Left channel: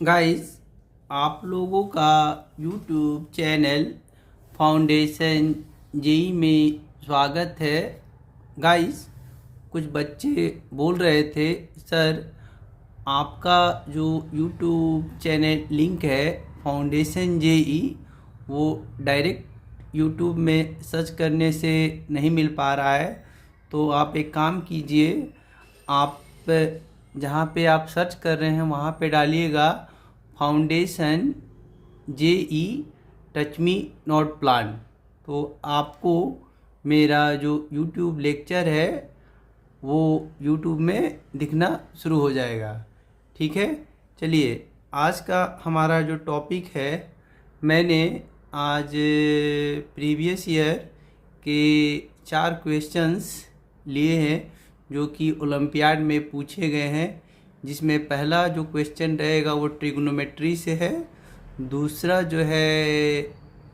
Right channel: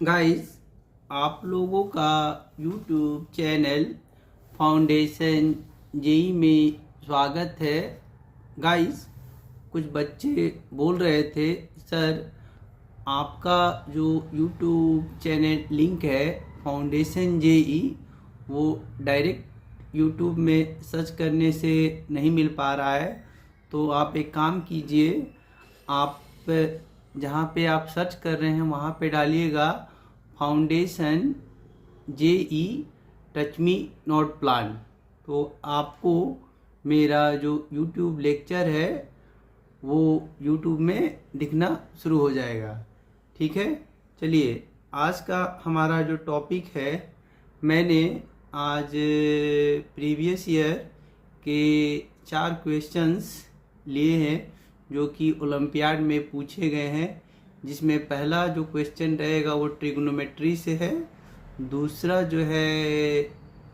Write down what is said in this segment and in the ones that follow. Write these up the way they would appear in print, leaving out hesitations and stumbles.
Guys, आप लोगों का यूट्यूब चैनल फाउंडेशन जेई में स्वागत है। गाइस, कुछ बच्चे बोल रहे थे, सर आपका जो यूट्यूब चैनल लिंक है फाउंडेशन जेई, वो डायरेक्ट यूट्यूब में सर्च करने से नहीं मिल पा रहा है। तो आप एक काम कीजिए, आप जहाँ पे आप सर्च कर रहे हैं वहाँ पे डालिएगा foundation JEE touch me not plan. तो आपको मेरा जो यूट्यूब लेक्चर है वो यूट्यूब में दिखना शुरू हो जाएगा। ठीक है, चलिए आज का हमारा जो टॉपिक है, मैंने आज प्रीवियस ईयर के 4 क्वेश्चंस लिए हैं जो कि ओलंपियाड में पूछे गए हैं। जिसमें पहला जो क्वेश्चन रहेगा वो ट्रिग्नोमेट्री से है, दूसरा जो है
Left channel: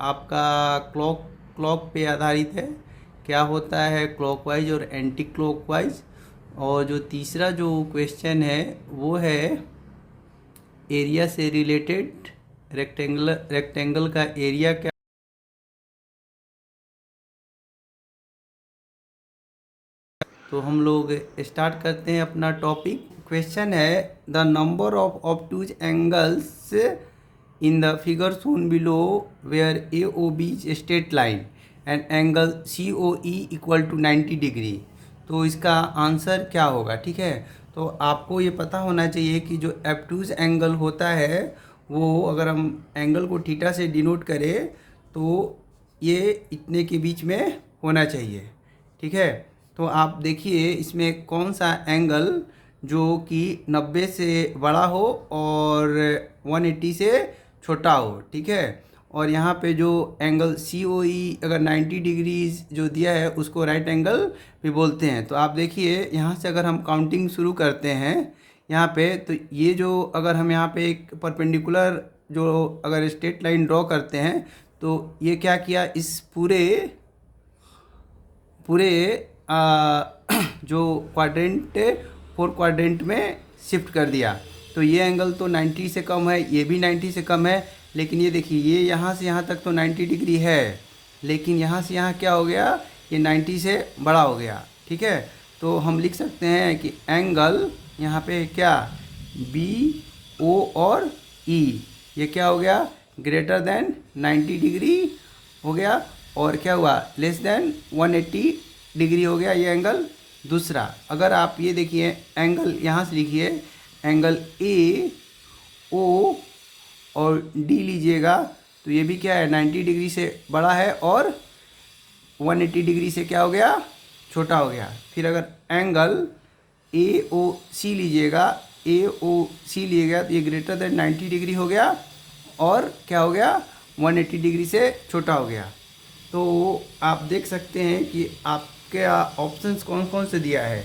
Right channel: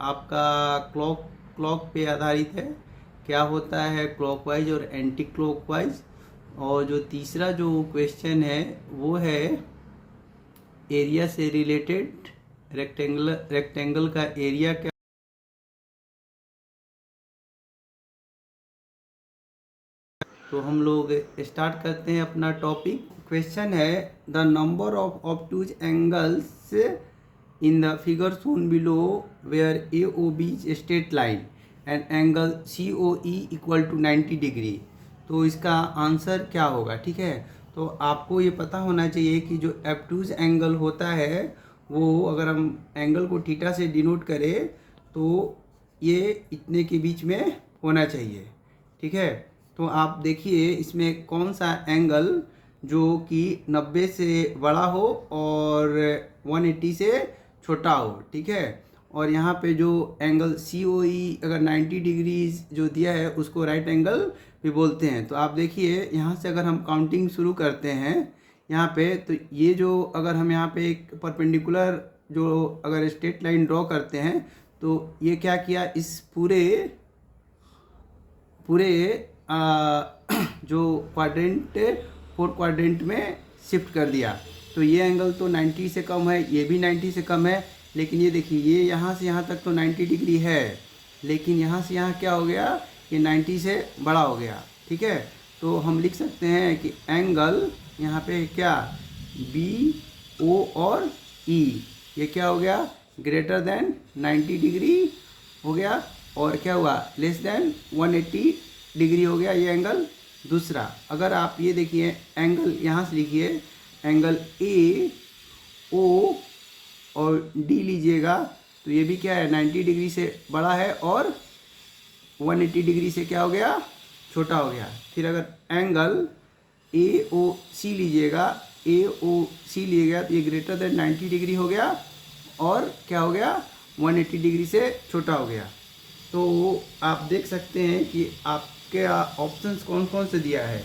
आपका क्लॉक पे आधारित है, क्या होता है क्लॉकवाइज और एंटी क्लॉकवाइज, और जो तीसरा जो क्वेश्चन है वो है एरिया से रिलेटेड, रेक्टेंगल का एरिया क्या। तो हम लोग स्टार्ट करते हैं अपना टॉपिक। क्वेश्चन है the number of obtuse angles in the figure shown below where A O B is straight line and angle C O E equal to 90 degree. तो इसका आंसर क्या होगा? ठीक है, तो आपको ये पता होना चाहिए कि जो ऑब्टूज एंगल होता है वो अगर हम एंगल को थीटा से डिनोट करें तो ये इतने के बीच में होना चाहिए। ठीक है, तो आप देखिए इसमें कौन सा एंगल जो कि 90 से बड़ा हो और 180 से छोटा हो। ठीक है, और यहाँ पे जो एंगल सी ओ ई अगर 90 डिग्रीज जो दिया है उसको राइट एंगल भी बोलते हैं। तो आप देखिए यहाँ से अगर हम काउंटिंग शुरू करते हैं यहाँ पे, तो ये जो अगर हम यहाँ पे एक परपेंडिकुलर जो अगर स्ट्रेट लाइन ड्रॉ करते हैं तो ये क्या किया, इस पूरे पूरे जो क्वाड्रेंट 4 क्वाड्रेंट में शिफ्ट कर दिया। तो ये एंगल तो 90 से कम है, ये भी 90 से कम है, लेकिन ये देखिए ये यहाँ से यहाँ तक तो 90 डिग्री है, लेकिन यहाँ से यहाँ क्या हो गया, ये 90 से बड़ा हो गया। ठीक है, तो हम लिख सकते हैं कि एंगल यहाँ पे क्या, बी ओ और ई, ये क्या हो गया, ग्रेटर देन 90 डिग्री हो गया, और क्या हुआ, लेस देन 180 डिग्री हो गया ये एंगल। दूसरा अगर आप ये देखिए एंगल यहाँ से लिखिए, एंगल ए ओ और डी लीजिएगा, तो ये भी क्या है, 90 डिग्री से बड़ा है और 180 डिग्री से क्या हो गया, छोटा हो गया। फिर अगर एंगल ए ओ सी लीजिएगा, ए ओ सी लिएगा तो ये ग्रेटर देन 90 डिग्री हो गया और क्या हो गया, 180 डिग्री से छोटा हो गया। तो आप देख सकते हैं कि आपके ऑप्शंस कौन कौन से दिया है,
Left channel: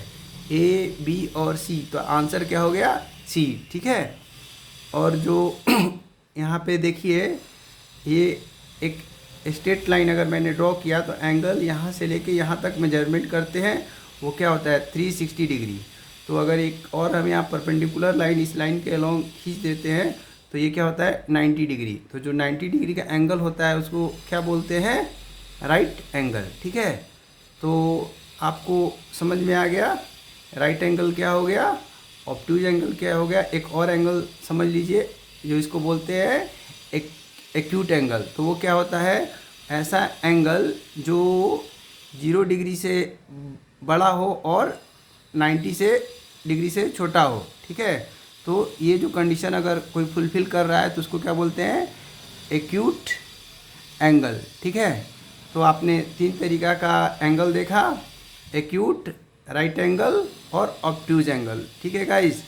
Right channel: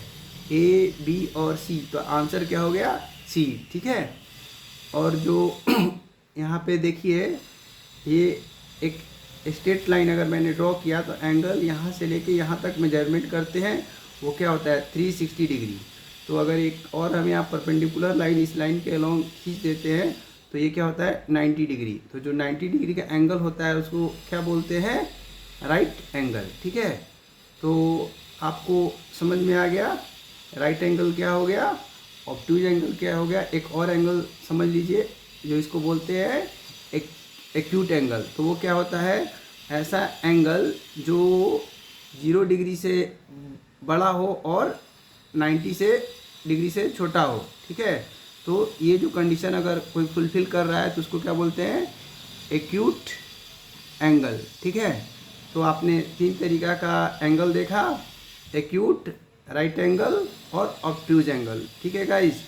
ए बी और सी, तो आंसर क्या हो गया, सी। ठीक है, और जो यहाँ पे देखिए ये एक स्ट्रेट लाइन अगर मैंने ड्रॉ किया तो एंगल यहाँ से लेके यहाँ तक मेजरमेंट करते हैं वो क्या होता है 360 डिग्री। तो अगर एक और हम यहाँ परपेंडिकुलर लाइन इस लाइन के अलोंग खींच देते हैं तो ये क्या होता है 90 डिग्री। तो जो 90 डिग्री का एंगल होता है उसको क्या बोलते हैं, राइट एंगल। ठीक है, तो आपको समझ में आ गया राइट एंगल क्या हो गया, ऑब्टूज एंगल क्या हो गया। एक और एंगल समझ लीजिए जो इसको बोलते हैं एक्यूट एंगल। तो वो क्या होता है, ऐसा एंगल जो 0 डिग्री से बड़ा हो और 90 से डिग्री से छोटा हो। ठीक है, तो ये जो कंडीशन अगर कोई फुलफिल कर रहा है तो उसको क्या बोलते हैं, एक्यूट एंगल। ठीक है, तो आपने 3 तरीका का एंगल देखा, एक्यूट, राइट एंगल और ऑब्ट्यूज एंगल। ठीक है गाइस,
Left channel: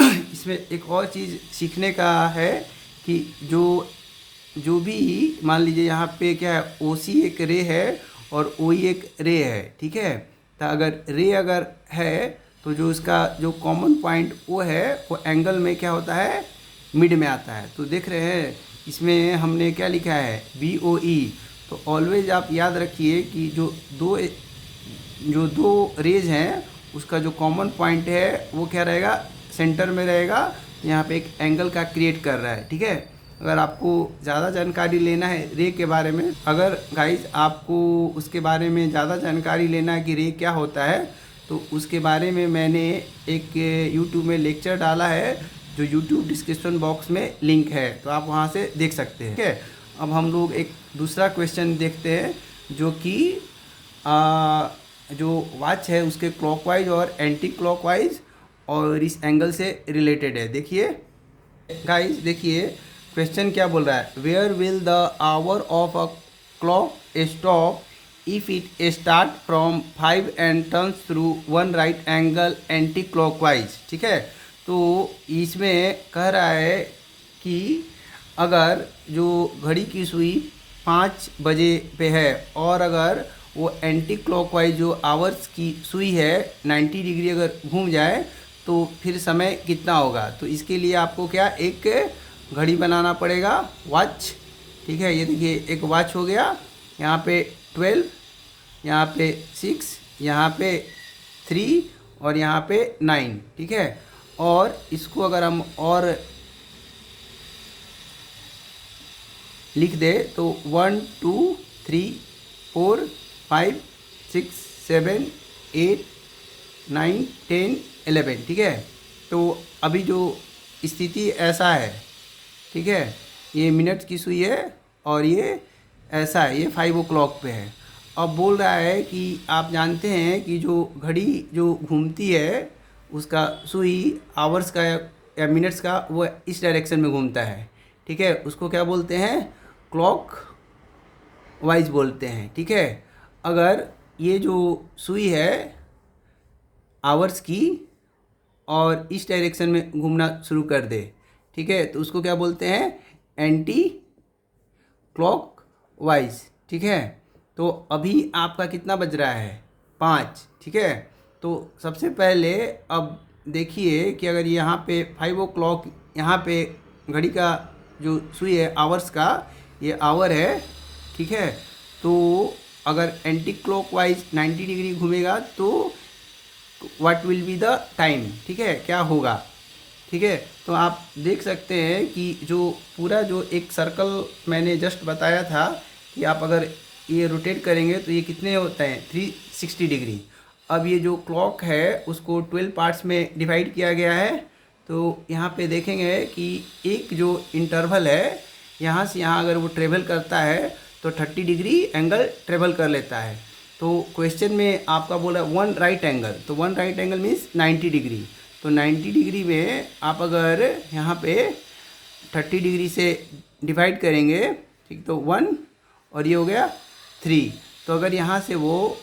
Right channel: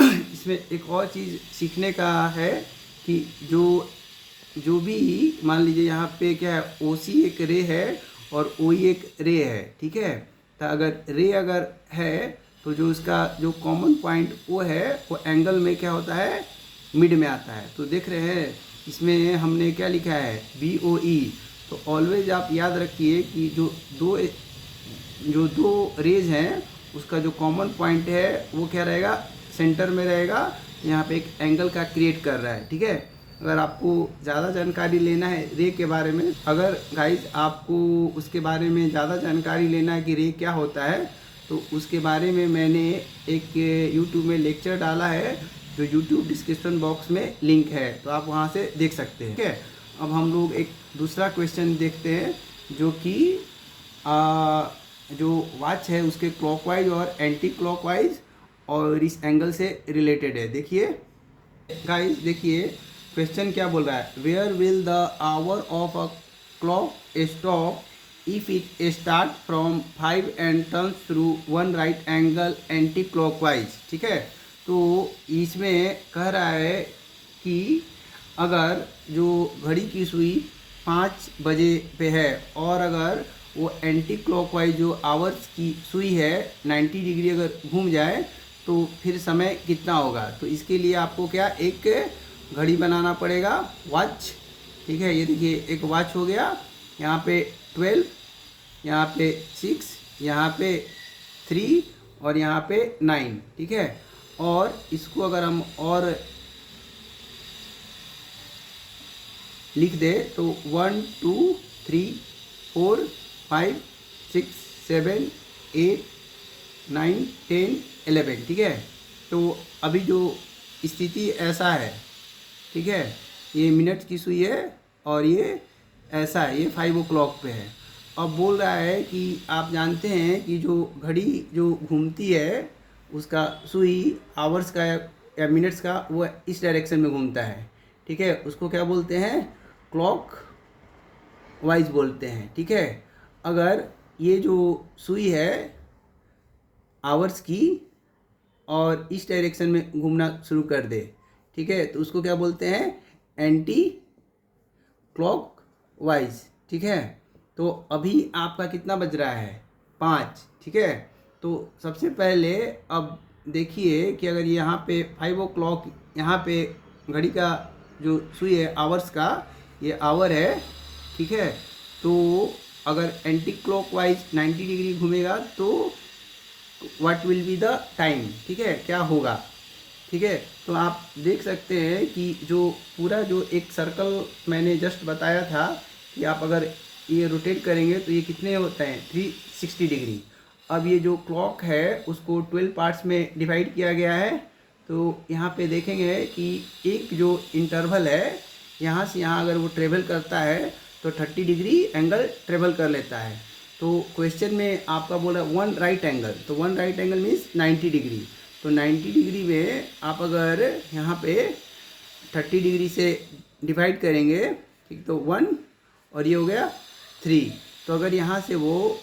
इसमें एक और चीज़ सीखने का है कि जो भी मान लीजिए यहाँ पे क्या है, ओ सी एक रे है और ओ ई एक रे है। ठीक है, तो अगर रे अगर है तो जो उसका जो कॉमन पॉइंट वो है वो एंगल में क्या होता है, मिड में आता है। तो देख रहे हैं इसमें हमने क्या लिखा है, बी ओ ई। तो ऑलवेज आप याद रखिए कि जो दो रेज हैं उसका जो कॉमन पॉइंट है वो क्या रहेगा, सेंटर में रहेगा। यहाँ पे एक एंगल का क्रिएट कर रहा है, ठीक है। अगर आपको ज़्यादा जानकारी लेना है रे के बारे में, अगर गाइज आपको उसके बारे में ज़्यादा जानकारी लेना है कि रे क्या होता है, तो उसके बारे में मैंने एक यूट्यूब में लेक्चर डाला है, जो यूट्यूब डिस्क्रिप्शन बॉक्स में लिंक है, तो आप वहाँ से देख सकते हैं, ठीक है। अब हम लोग एक दूसरा क्वेश्चन देखते हैं, जो कि जो वॉच है उसके क्लॉकवाइज और एंटी क्लॉकवाइज और इस एंगल से रिलेटेड है। देखिए गाइस, देखिए क्वेश्चन क्या बोल रहा है, where will the hour of a clock stop if it start from 5 and turns through 1 right angle anti clockwise, ठीक है। तो इसमें कह रहा है कि अगर जो घड़ी की सुई 5 बजे पे है और अगर वो एंटी क्लॉकवाइज जो आवर्स की सुई है 90 डिग्री अगर घूम जाए तो फिर समय कितना होगा। तो इसके लिए आपको क्या एक घड़ी बनाना पड़ेगा, वॉच, ठीक है। ये देखिए एक वॉच हो गया, यहाँ पे 12, यहाँ पे 6, यहाँ पे 3 और यहाँ पे 9, ठीक है। और इसको अगर हम और लिख दे तो 1 2 3 4 5 6 7 8 9 10 11, ठीक है। तो अभी जो स्थिति ऐसा है, ठीक है, ये मिनट की सुई है और ये ऐसा है, ये 5 o'clock पे है। अब बोल रहा है कि आप जानते हैं कि जो घड़ी जो घूमती है उसका सुई आवर्स का या मिनट्स का वो इस डायरेक्शन में घूमता है, ठीक है। उसको क्या बोलते हैं, क्लॉक वाइज बोलते हैं, ठीक है। अगर ये जो सुई है आवर्स की और इस डायरेक्शन में घूमना शुरू कर दे, ठीक है, तो उसको क्या बोलते हैं, एंटी क्लॉक वाइज, ठीक है। तो अभी आपका कितना बज रहा है, 5, ठीक है। तो सबसे पहले अब देखिए कि अगर यहाँ पे 5 o'clock, यहाँ पे घड़ी का जो सुई है आवर्स का, ये आवर है, ठीक है। तो अगर एंटी क्लॉकवाइज 90 डिग्री घूमेगा तो what will be the time, ठीक है, क्या होगा, ठीक है। तो आप देख सकते हैं कि जो पूरा जो एक सर्कल मैंने जस्ट बताया था कि आप अगर ये रोटेट करेंगे तो ये कितने होते हैं, 360 डिग्री। अब ये जो क्लॉक है उसको 12 पार्ट्स में डिवाइड किया गया है। तो यहाँ पे देखेंगे कि एक जो इंटरवल है यहाँ से यहाँ अगर वो ट्रेवल करता है तो 30 डिग्री एंगल ट्रेवल कर लेता है। तो क्वेश्चन में आपका बोला 1 राइट एंगल, तो 1 राइट एंगल मीन्स 90 डिग्री। तो 90 डिग्री में आप अगर यहाँ पे 30 डिग्री से डिवाइड करेंगे, ठीक, तो 1 और ये हो गया 3। तो अगर यहाँ से वो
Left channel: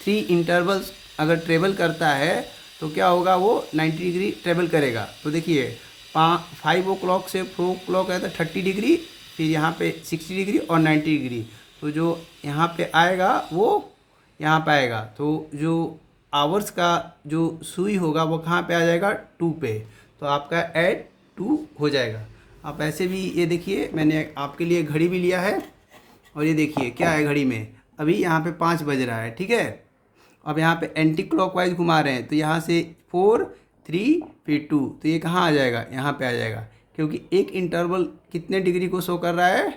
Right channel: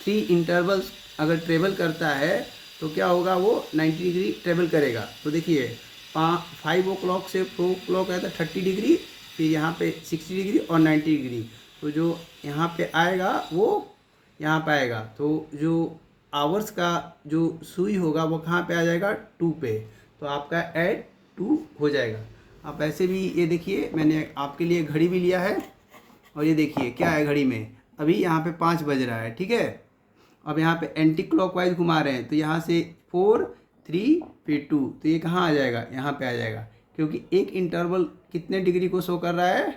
3 इंटरवल्स अगर ट्रेवल करता है तो क्या होगा, वो 90 डिग्री ट्रेवल करेगा। तो देखिए 5 o'clock से 4 o'clock है तो 30 डिग्री, फिर यहाँ पे 60 डिग्री और 90 डिग्री। तो जो यहाँ पे आएगा वो यहाँ पे आएगा। तो जो आवर्स का जो सुई होगा वो कहाँ पे आ जाएगा, 2 पे। तो आपका ऐड 2 हो जाएगा। आप ऐसे भी ये देखिए मैंने आपके लिए घड़ी भी लिया है और ये देखिए क्या है घड़ी में, अभी यहाँ पे 5 बज रहा है, ठीक है। अब यहाँ पे एंटी क्लॉकवाइज घुमा रहे हैं तो यहाँ से 4 3 फिर 2, तो ये कहाँ आ जाएगा, यहाँ पे आ जाएगा, क्योंकि एक इंटरवल कितने डिग्री को शो कर रहा है,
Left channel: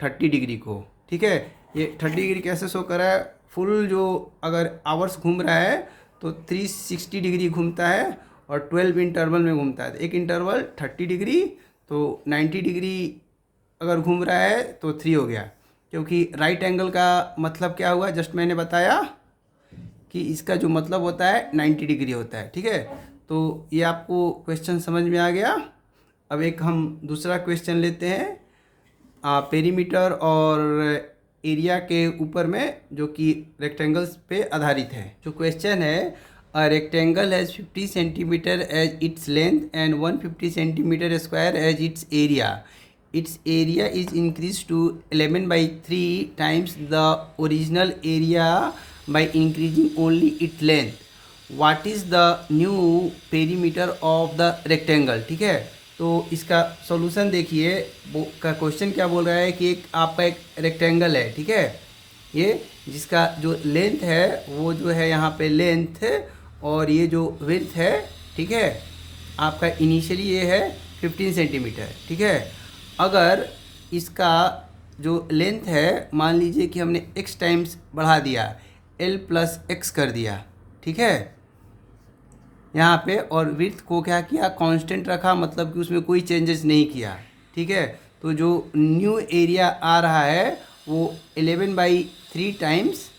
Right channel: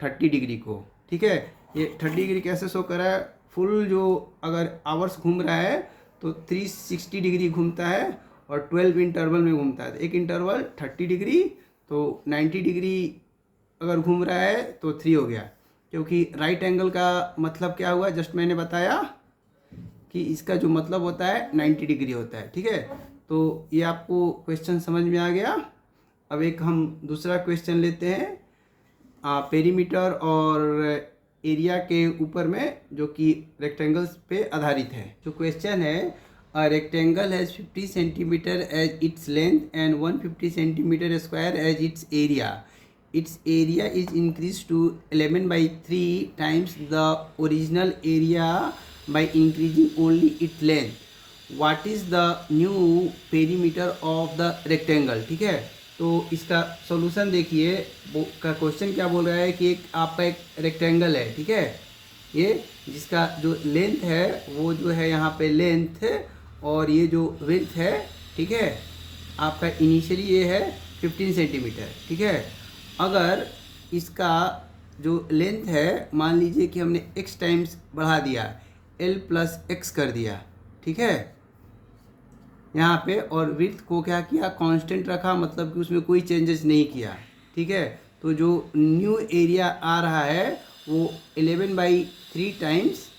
30 डिग्री को, ठीक है। ये 30 डिग्री कैसे शो कर रहा है, फुल जो अगर आवर्स घूम रहा है तो 360 डिग्री घूमता है और 12 इंटरवल में घूमता है। तो एक इंटरवल 30 डिग्री, तो 90 डिग्री अगर घूम रहा है तो 3 हो गया, क्योंकि राइट एंगल का मतलब क्या हुआ, जस्ट मैंने बताया कि इसका जो मतलब होता है 90 डिग्री होता है, ठीक है। तो ये आपको क्वेश्चन समझ में आ गया। अब एक हम दूसरा क्वेश्चन लेते हैं पेरीमीटर और एरिया के ऊपर में, जो कि रेक्टेंगल्स पे आधारित है। जो क्वेश्चन है, a rectangle has 50 centimetre as its length and 150 centimetre square as its area. Its area is increased to 11/3 times the original area by increasing only its length. What is the new perimeter of the rectangle, ठीक है। तो इसका solution देखिए, वो का question क्या बोल रहा है कि एक आपका एक रेक्टेंगल है, ठीक है, ये जिसका जो लेंथ है वो जो है यहाँ पे लेंथ और ये जो विड्थ है, ठीक है, आपका इनिशियली ये है 15 सेंटीमीटर, ठीक है। अगर इसका जो लेंथ है, मान लीजिए कि हमने x टाइम्स बढ़ा दिया, l प्लस एक्स कर दिया, ठीक है, यहाँ पे, और विड्थ को क्या किया, कांस्टेंट रखा, मतलब कि उसमें कोई चेंजेस नहीं किया, ठीक है। तो जो न्यू एरिया आ रहा है वो 11/3 टाइम्स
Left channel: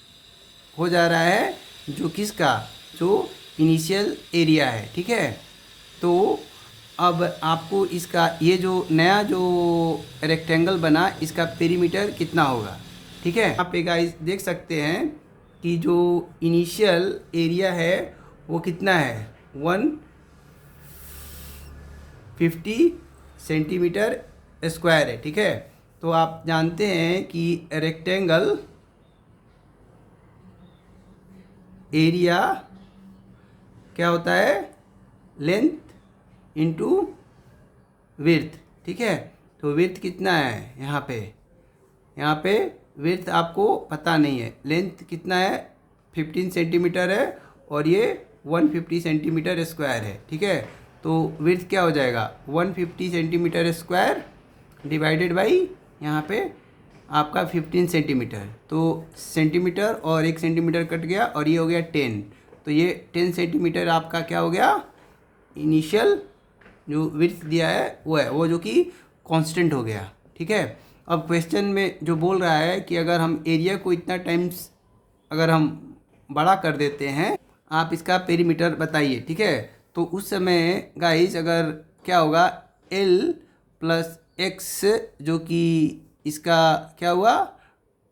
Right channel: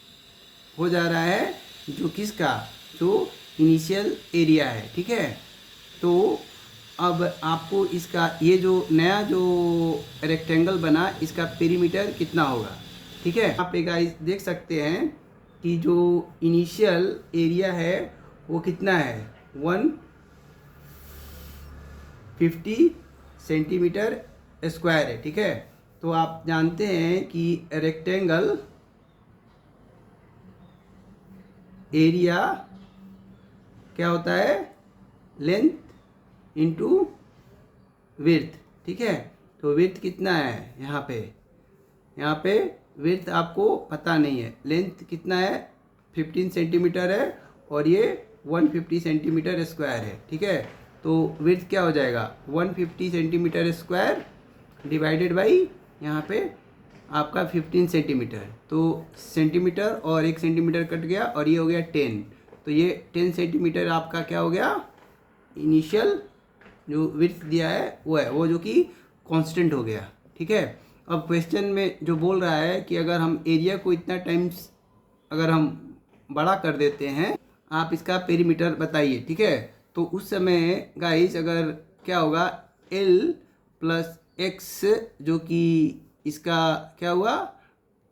हो जा रहा है जो किसका, जो इनिशियल एरिया है, ठीक है। तो अब आपको इसका ये जो नया जो रेक्टेंगल बना, इसका पेरीमीटर कितना होगा, ठीक है। यहाँ पे गाइस देख सकते हैं कि जो इनिशियल एरिया है वो कितना है, 150 सेंटीमीटर स्क्वायर है, ठीक है। तो आप जानते हैं कि रेक्टेंगल एरिया क्या होता है, लेंथ इंटू विड्थ, ठीक है। तो विड्थ कितना है यहाँ पे विड्थ आपको पता नहीं है, लेंथ कितना है 15 सेंटीमीटर है और ये 150 सेंटीमीटर स्क्वायर है, ठीक है। तो विड्थ क्या हो जाएगा, 150 सेंटीमीटर स्क्वायर डिवाइडेड बाई यहाँ पे आपका 15 सेंटीमीटर, तो सेंटीमीटर और 1 सेंटीमीटर कट गया और ये हो गया 10, तो ये 10 सेंटीमीटर आपका क्या हो गया, इनिशियल जो विड्थ दिया है वो है, वो जो कि कांस्टेंट हो गया, ठीक है। अब क्वेश्चन में जो बोल रहा है कि अगर हम एरिया को इतना टाइम्स अगर हम बड़ा कर देते हैं, आप इसका पेरीमीटर बताइए, ठीक है। तो उस समय गाइस अगर क्या होगा, l प्लस एक्स जो कि इसका क्या हुआ,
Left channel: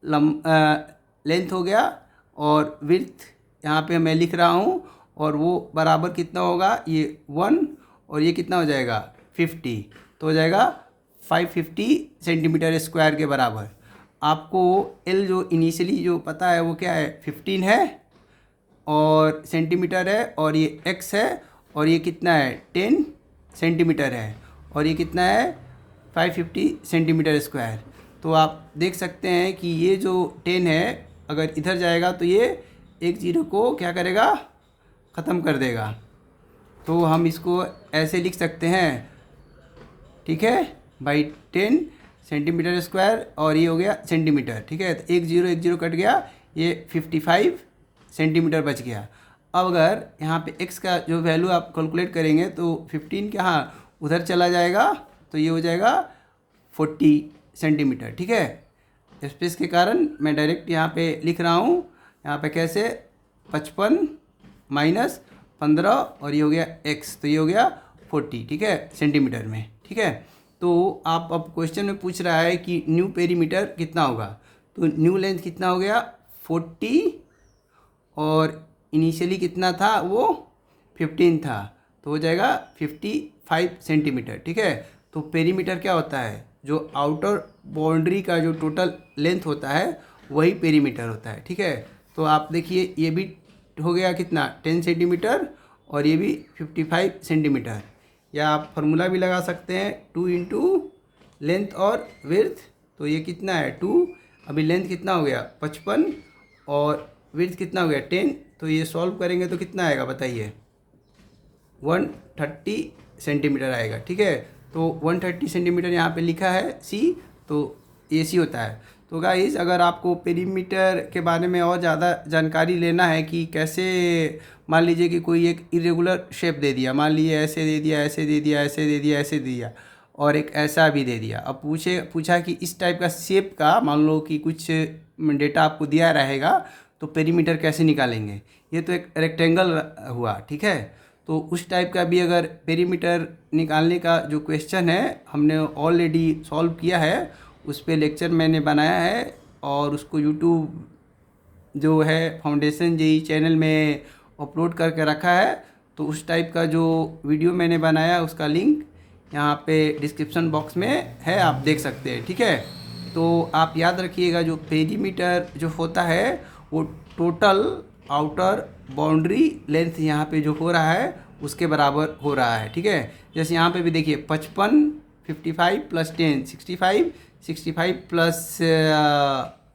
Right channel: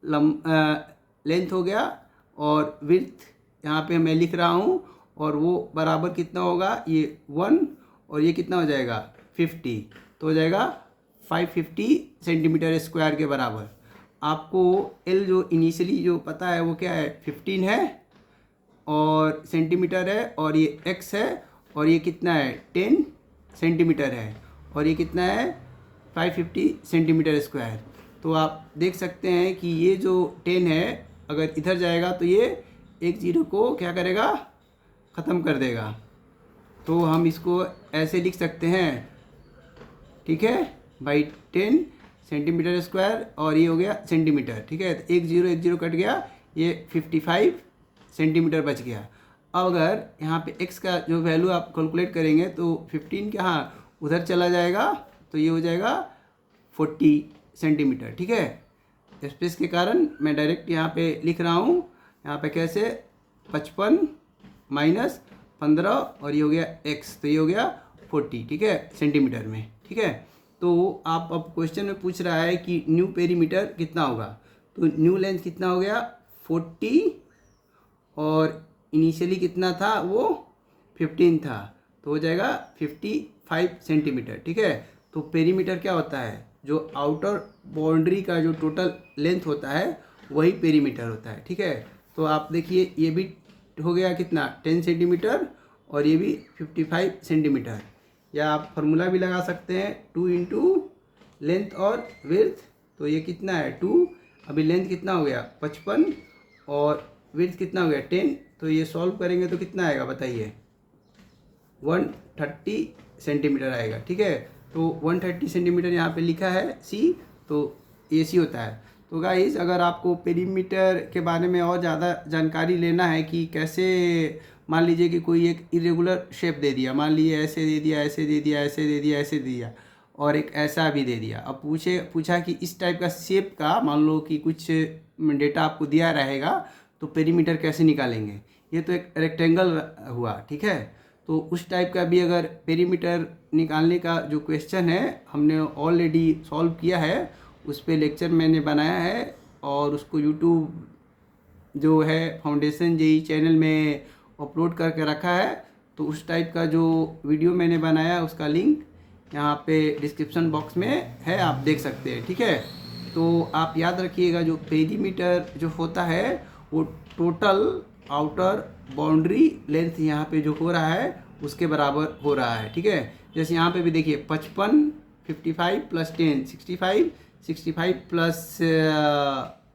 लेंथ हो गया, और विड्थ यहाँ पे मैं लिख रहा हूँ, और वो बराबर कितना होगा, ये 1 और ये कितना हो जाएगा 50, तो हो जाएगा 550 सेंटीमीटर स्क्वायर के बराबर। आपको l जो इनिशियली जो पता है वो क्या है, 15 है और सेंटीमीटर है, और ये x है, और ये कितना है 10 सेंटीमीटर है, और ये कितना है 550 सेंटीमीटर स्क्वायर। तो आप देख सकते हैं कि ये जो 10 है अगर इधर जाएगा तो ये एक जीरो को क्या करेगा, ख़त्म कर देगा। तो हम इसको ऐसे लिख सकते हैं, ठीक है, बाई 10 सेंटीमीटर स्क्वायर, और ये हो गया सेंटीमीटर, ठीक है। तो एक जीरो कट गया, ये 55 सेंटीमीटर बच गया। अब अगर यहाँ पे x का जो वैल्यू आप कैलकुलेट करेंगे तो 15 के यहाँ उधर चला जाएगा, तो ये हो जाएगा 40 सेंटीमीटर, ठीक है। स्पेस के कारण मैं डायरेक्ट यहाँ पे लिख रहा हूँ, यहाँ पे कैसे 55 माइनस 15 और ये हो गया x, तो ये हो गया 40, ठीक है, सेंटीमीटर में, ठीक है। तो आप अब क्वेश्चन में पूछ रहा है कि न्यू पेरीमीटर कितना होगा, तो न्यू लेंथ कितना हो गया 40, और इनिशियली कितना था वो 15 था, तो हो जाएगा 55 सेंटीमीटर, ठीक है। तो पेरीमीटर क्या होता है, जो आउटर बाउंड्री का जो टोटल लेंथ होता है वही पेरीमीटर होता है, ठीक है। तो आप देखिए ये भी हो गया कितना 10 सेंटीमीटर और ये भी 55 सेंटीमीटर, या आप फार्मूला भी लगा सकते हैं 2 इंटू लेंथ और विड्थ, तो ये कितना है 2, अभी लेंथ कितना हो गया 55 और विड्थ कितना हो गया 10, तो ये सॉल्व करेंगे तो कितना आएगा बताइए, 130 सेंटीमीटर आएगा, ठीक है। तो 130 सेंटीमीटर यहाँ पे लिखा है सी, तो ये सी होता है। तो गाइस अगर आपको पेरीमीटर के बारे में और ज़्यादा जानकारी लेना है कि कैसे, मान लीजिए कि कोई एक इरेगुलर शेप दे दिया, मान लीजिए ऐसे दे दिया, ऐसे दे दिया, ऐसे दे दिया, ऐसे दे दिया, और एक ऐसा भी दे दिया। अब पूछा कि इस टाइप का शेप का मान लो कि कुछ डेटा आपको दिया रहेगा तो पेरीमीटर कैसे निकालेंगे, ये तो एक रेक्टेंगल हुआ, ठीक है। तो उस टाइप का भी अगर पेरीमीटर निकालने का जो क्वेश्चन है हमने ऑलरेडी सॉल्व किया है, उस पर लेक्चर मैंने बनाया है और उसको यूट्यूब जो है फाउंडेशन जेई चैनल में अपलोड करके रखा है। तो उस टाइप का जो वीडियो मैंने बनाया उसका लिंक यहाँ पे डिस्क्रिप्शन बॉक्स में है, आप देख सकते हैं, ठीक है। तो आप याद रखिएगा जो पेरीमीटर जो होता है वो टोटल आउटर बाउंड्री लेंथ यहाँ पे जो हो रहा है उसके बराबर हो रहा है, ठीक है। जैसे यहाँ पे भी देखिए 55 55 प्लस 10 65 65 प्लस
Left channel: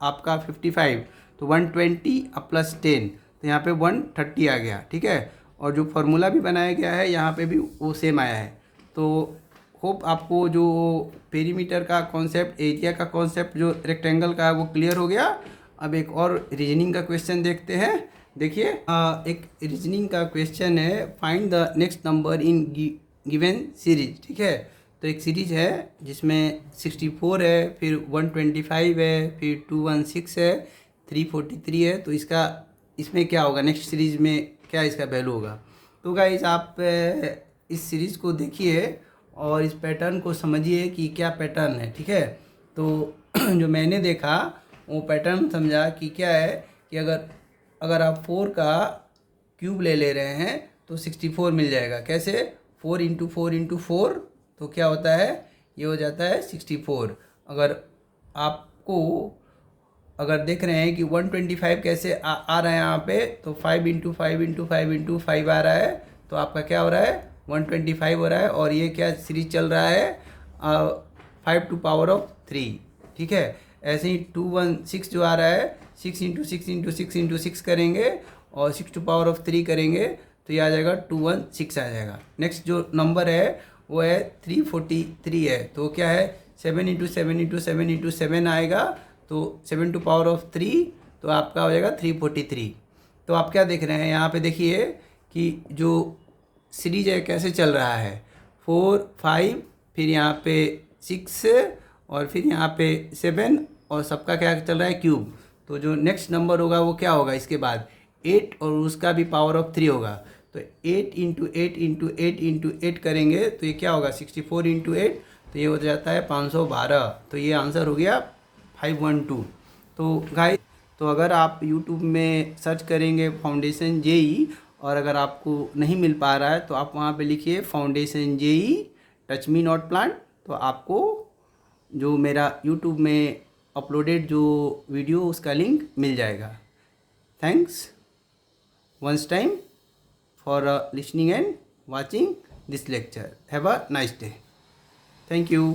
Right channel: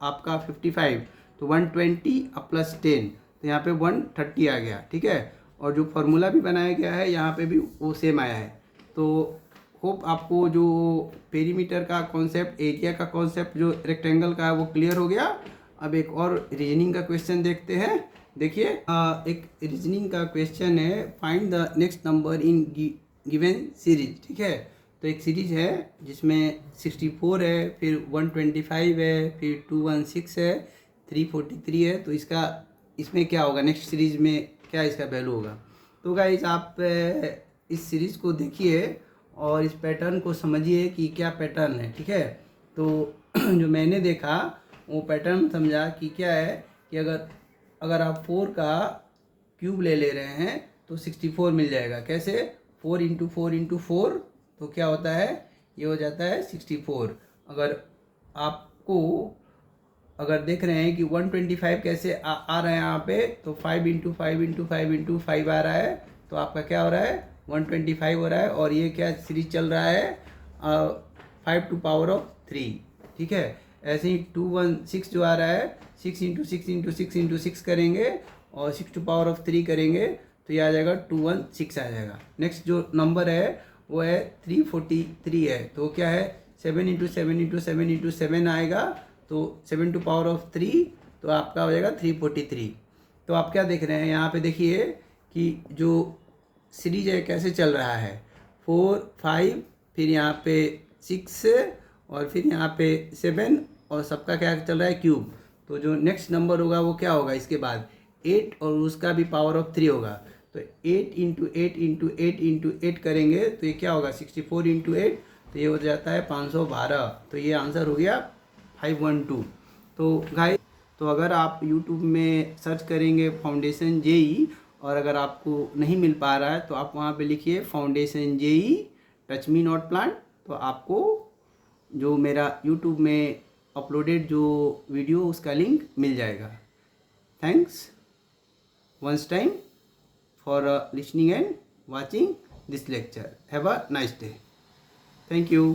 आपका 55 तो 120 प्लस 10 तो यहाँ पे 130 आ गया, ठीक है। और जो फार्मूला भी बनाया गया है यहाँ पे भी वो सेम आया है। तो होप आपको जो पेरीमीटर का कॉन्सेप्ट, एरिया का कॉन्सेप्ट जो रेक्टेंगल का है वो क्लियर हो गया। अब एक और रीजनिंग का क्वेश्चन देखते हैं। देखिए एक रीजनिंग का क्वेश्चन है, find the next number in given series. ठीक है, तो एक सीरीज है जिसमें 64 है, फिर 125 है, फिर 216 है, 343 है। तो इसमें क्या होगा, नेक्स्ट सीरीज में क्या इसका वैल्यू होगा। तो गाइस आप इस सीरीज़ को देखिए और इस पैटर्न को समझिए कि क्या पैटर्न है। ठीक है, तो जो मैंने देखा वो पैटर्न समझा कि क्या है कि अगर आप 4 का क्यूब ले रहे हैं तो 64 मिल जाएगा। कैसे, 4 इंटू 4 इंटू 4 तो क्या होता है, ये हो जाता है 64। अगर देख रहे हैं कि 125 कैसे आ रहा है यहाँ पे, तो 5 इंटू 5 इंटू 5 इंटू 5 आ रहा है, तो आपका क्या हो रहा है 125 हो रहा है। और ये क्या सीरीज चल रहा है 5 टू पावर ऑफ 3। ठीक है, ऐसे ही 216 जो आ रहा है 6 इंटू 6 इंटू 6 इंटू 6 करेंगे और 6 टू पावर ऑफ 3 करेंगे तो ये आ जाएगा 216 आ जाएगा। नेक्स्ट जो नंबर है वो है 343 है, तो क्या है 7 इंटू 7 इंटू 7 इंटू 7 आएगा, तो 7 टू पावर ऑफ 3 तो आपका हो जाएगा 343। तो आप क्या देख रहे हैं यहाँ पे, देखिए कि जो सीरीज है कैसे चल रहा है, 4 5 फिर यहाँ पे 6 और फिर यहाँ पे 7 और सबका क्या चल रहा है क्यूब। तो जो नेक्स्ट नंबर होगा वो क्या होगा इसके बाद 8 और उसका भी पावर ऑफ 3 होगा। तो 8 इंटू 8 इंटू 8 इंटू 8 करेंगे तो ये क्या होगा 64 इंटू 8 तो ये हो जाता है 512। तो ये आंसर हो गया 512। तो गाइस, तो अगर आप YouTube में सर्च करेंगे फाउंडेशन जेई और अगर आपको नहीं मिल पा रहा है तो आप वहाँ पे लिखिए foundation JEE touch me not plant, तो आपको जो मेरा YouTube में अपलोडेड जो वीडियो उसका लिंक मिल जाएगा। Thanks once time for listening and watching this lecture. Have a nice day. Thank you.